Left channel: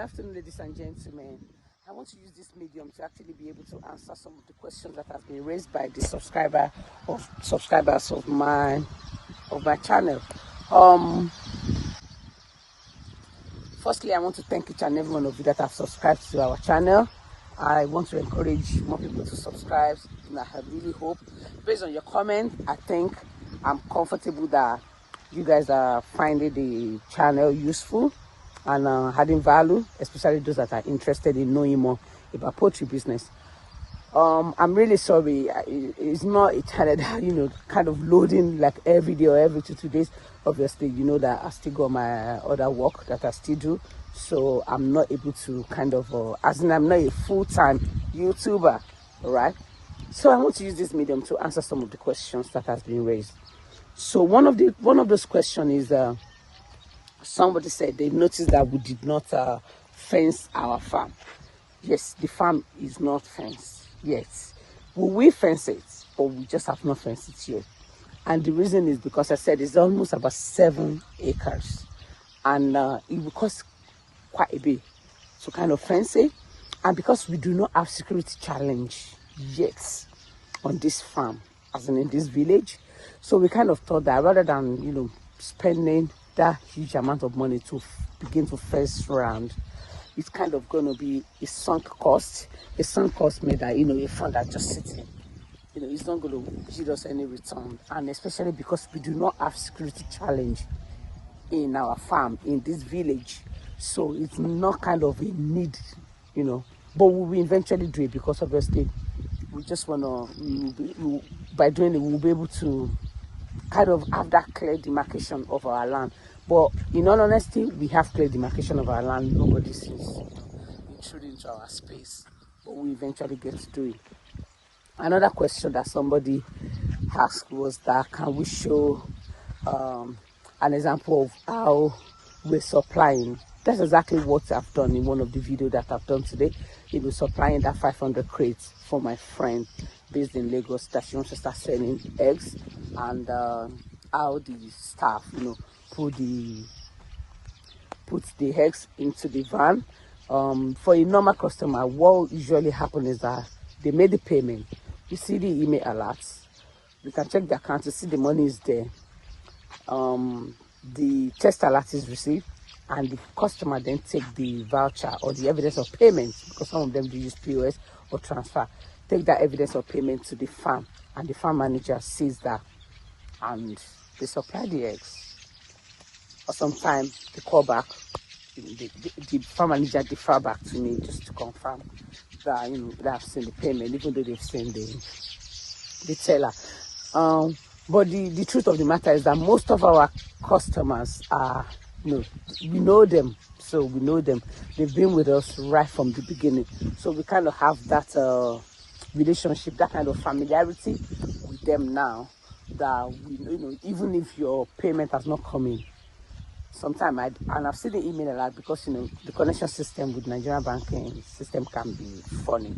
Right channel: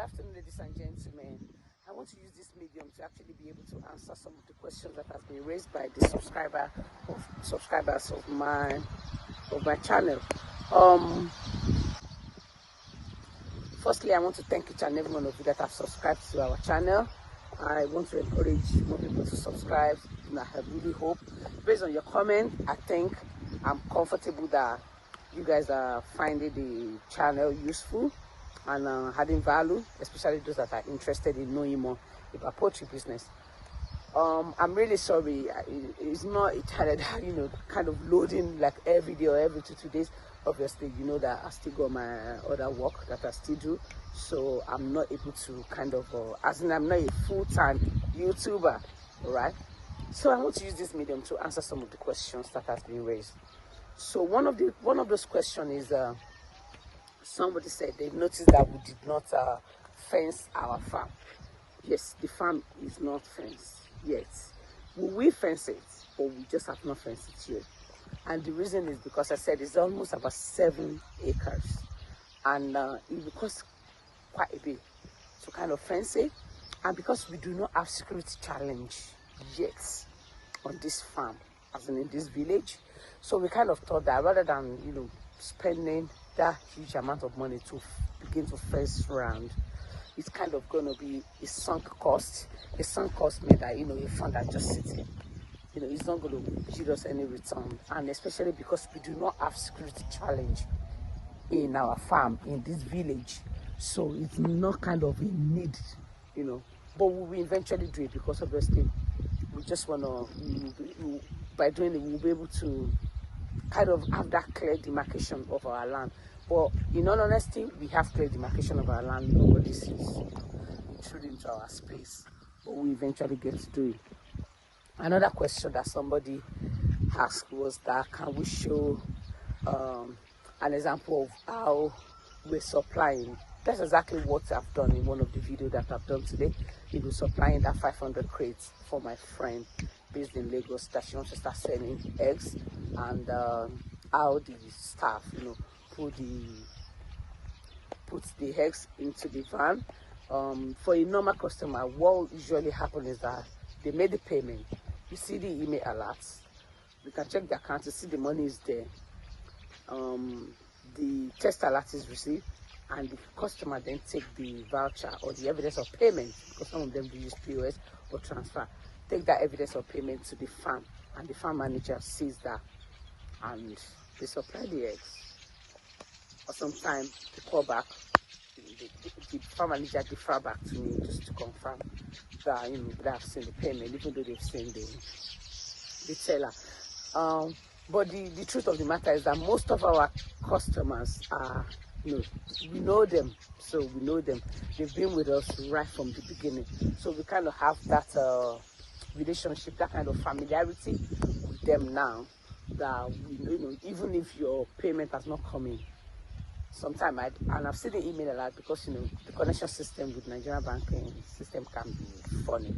afternoon, ladies and gentlemen. I want to use this medium to actually be able to answer some of the questions that have been raised by the subscribers of my channel. Firstly, I want to thank each and every one of you that have subscribed to our channel. I want to encourage more people to subscribe, and I really hope, based on your comment, I think I'm comfortable that you guys are finding the channel useful and adding value, especially those that are interested in knowing more about poultry business. I'm really sorry. It's not a channel that, kind of loading like every day or every 2 days. Obviously, you know that I still got my other work that I still do. So I'm not able to I'm not a full-time YouTuber, right? So I want to use this medium to answer some of the questions that has been raised. So one of those questions is, somebody said they noticed that we did not fence our farm. Yes, the farm is not fenced yet. Will we fence it, or we just have not fenced it yet? And the reason is because I said it's almost about 7 acres, and it will cost quite a bit to kind of fence it. And because we do not have security challenge yet on this farm, as in this village, so we kind of thought that rather than spending that huge amount of money to begin to fence around, it's kind of going to be a sunk cost. A sunk cost means that a fund that just sitting, it's not going to give us any return. And especially because we do not have security challenge in our farm, in this village, so it's not kind of a need, but we will eventually do it, because obviously we just want to, by doing it, we'll be able to kind of have that clear demarcation of our land. But in all honesty, we have clear demarcation of our land. Nobody sees intruding into our space, but we eventually get to do it. Another question that somebody asked was that, can we show an example of how we're supplying? That's exactly what I've done in one of the videos that I've done today. Supplying that 500 crates for my friend based in Lagos that she wants to start selling eggs, and how the staff, put the eggs into the van. For a normal customer, what usually happens is that they made the payment. You see the email alerts. You can check the account to see the money is there. The test alert is received, and the customer then take the voucher or the evidence of payment, because some of them do use POS or transfer. Take that evidence of payment to the farm, and the farm manager sees that, and they supply the eggs. Or sometimes they call back, the farm manager defer back to me just to confirm that they have seen the payment, even though they've seen the teller. But the truth of the matter is that most of our customers are, we know them. So we know them. They've been with us right from the beginning. So we kind of have that relationship, that kind of familiarity with them now, that even if your payment has not come in, sometime I've seen the email a lot, because the connection system with Nigerian banking system can be funny.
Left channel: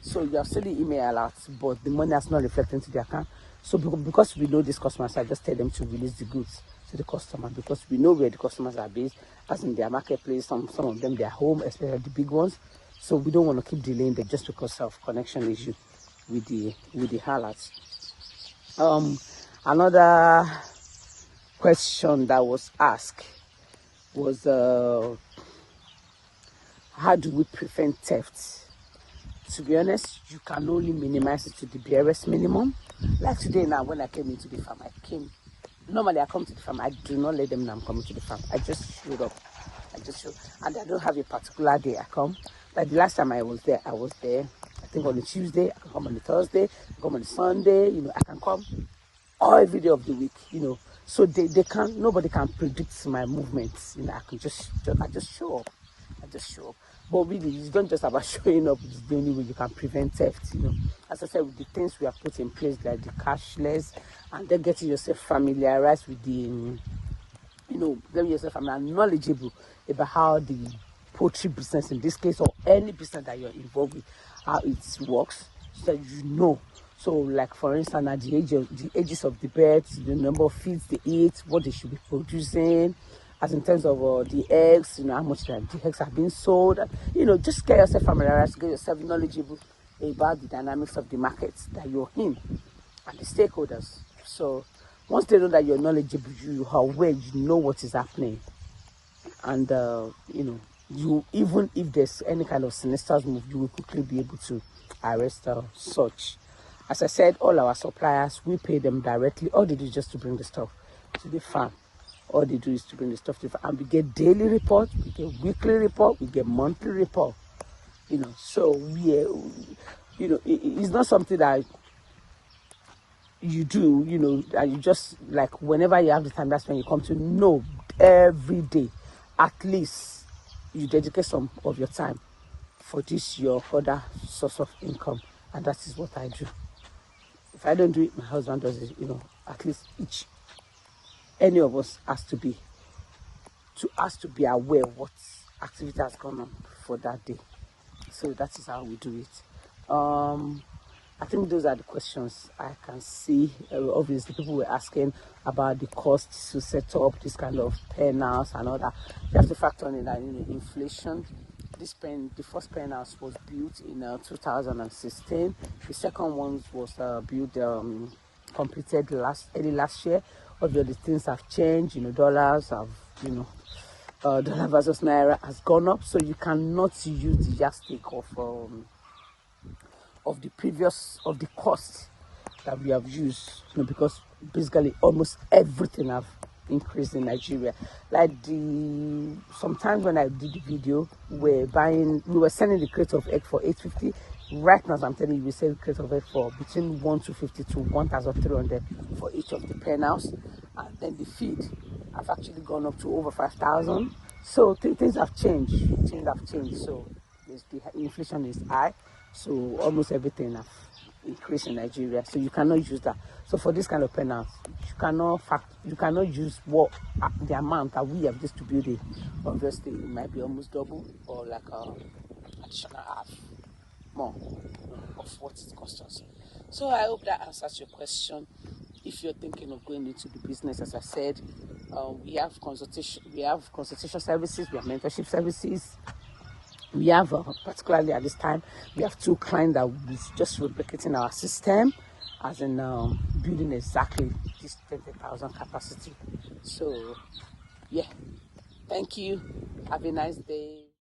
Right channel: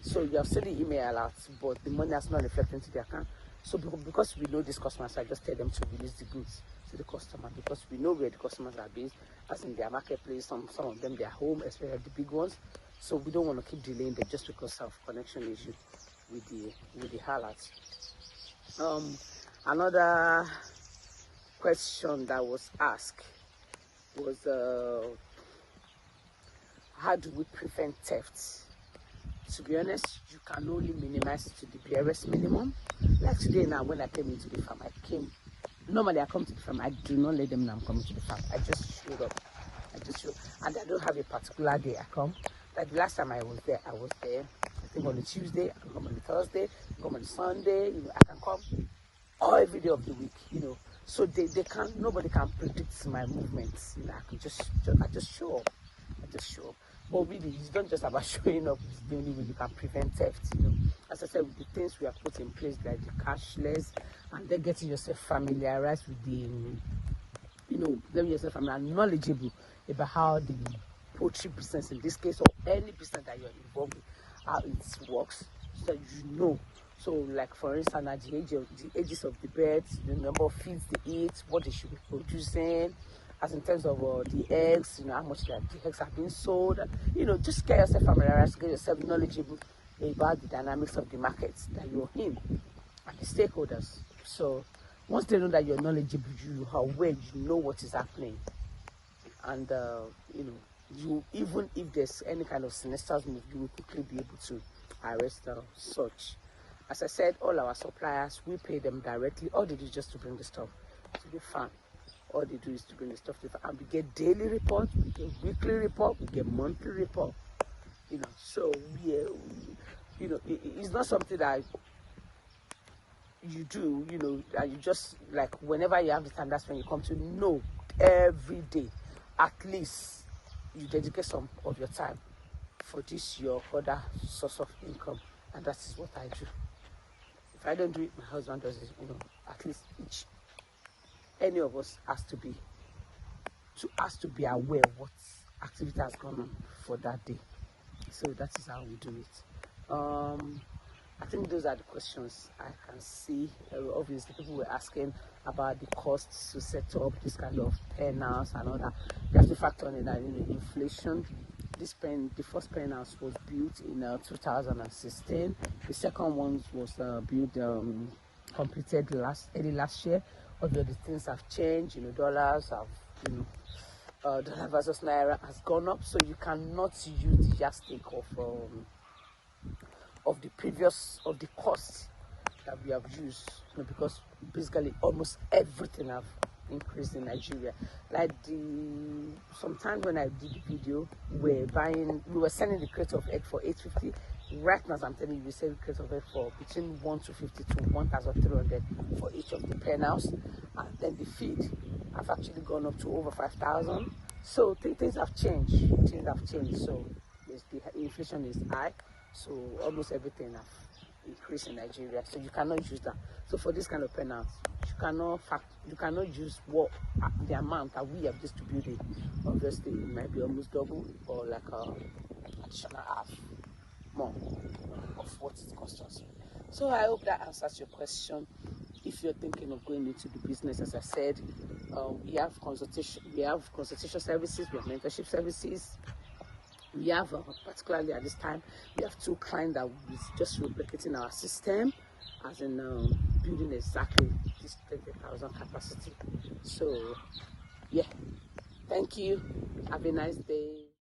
So you have seen the email alert, but the money has not reflected into the account. So because we know these customers, I just tell them to release the goods to the customer, because we know where the customers are based, as in their marketplace. Some of them, their home, especially the big ones. So we don't want to keep delaying them just because of connection issue with the alerts. Another question that was asked was, how do we prevent theft? To be honest, you can only minimize it to the barest minimum. Like today now, when I came into the farm, normally I come to the farm, I do not let them know I'm coming to the farm. I just showed up. And I don't have a particular day I come. Like the last time I was there, I think on a Tuesday, I can come on a Thursday, I can come on a Sunday, I can come every day of the week, So nobody can predict my movements. I just show up. But really, it's not just about showing up. It's the only way you can prevent theft. As I said, with the things we have put in place, like the cashless, and then getting yourself familiarized with the, getting yourself knowledgeable about how the poultry business, in this case, or any business that you're involved with, how it works, so that you know. So, like for instance, at the ages of the birds, the number of feeds they eat, what they should be producing, as in terms of the eggs, how much the eggs have been sold. Just get yourself familiarized, get yourself knowledgeable about the dynamics of the markets that you're in and the stakeholders. So once they know that you're knowledgeable, you are aware, you know what is happening, and you, even if there's any kind of sinister move, you will quickly be able to arrest such. As I said, all our suppliers, we pay them directly. All they do is just to bring the stuff to the farm. All they do is to bring the stuff to the farm. And we get daily report, we get weekly report, we get monthly report. So it's not something that you do, and you just, like, whenever you have the time, that's when you come to know. Every day, at least, you dedicate some of your time for this, your other source of income. And that is what I do. If I don't do it, my husband does it. At least any of us has to be aware of what activity has gone on for that day. So that is how we do it. I think those are the questions I can see. Obviously, people were asking about the costs to set up this kind of pen house and all that. You have to factor in that inflation. The first pen house was built in 2016. The second one was completed early last year. Obviously, things have changed. Dollars have, dollar versus naira has gone up, so you cannot use the yardstick of the cost that we have used, because basically almost everything have increased in Nigeria. Like sometimes when I did the video, we were selling the crate of egg for 850. Right now, as I'm telling you, we sell the crate of egg for between 1,250 to 1,300 for each of the pen house. And then the feed have actually gone up to over 5,000. So things have changed. So the inflation is high. So almost everything have increased in Nigeria. So you cannot use that. So for this kind of pen house, you cannot use the amount that we have just to build it. Obviously, it might be almost double or like additional half more of what it costs us. So I hope that answers your question. If you're thinking of going into the business, as I said, we have consultation services, we have mentorship services. We have, particularly at this time, we have 2 clients that will be just replicating our system, as in building exactly this 20,000 capacity. So, yeah, thank you. Have a nice day.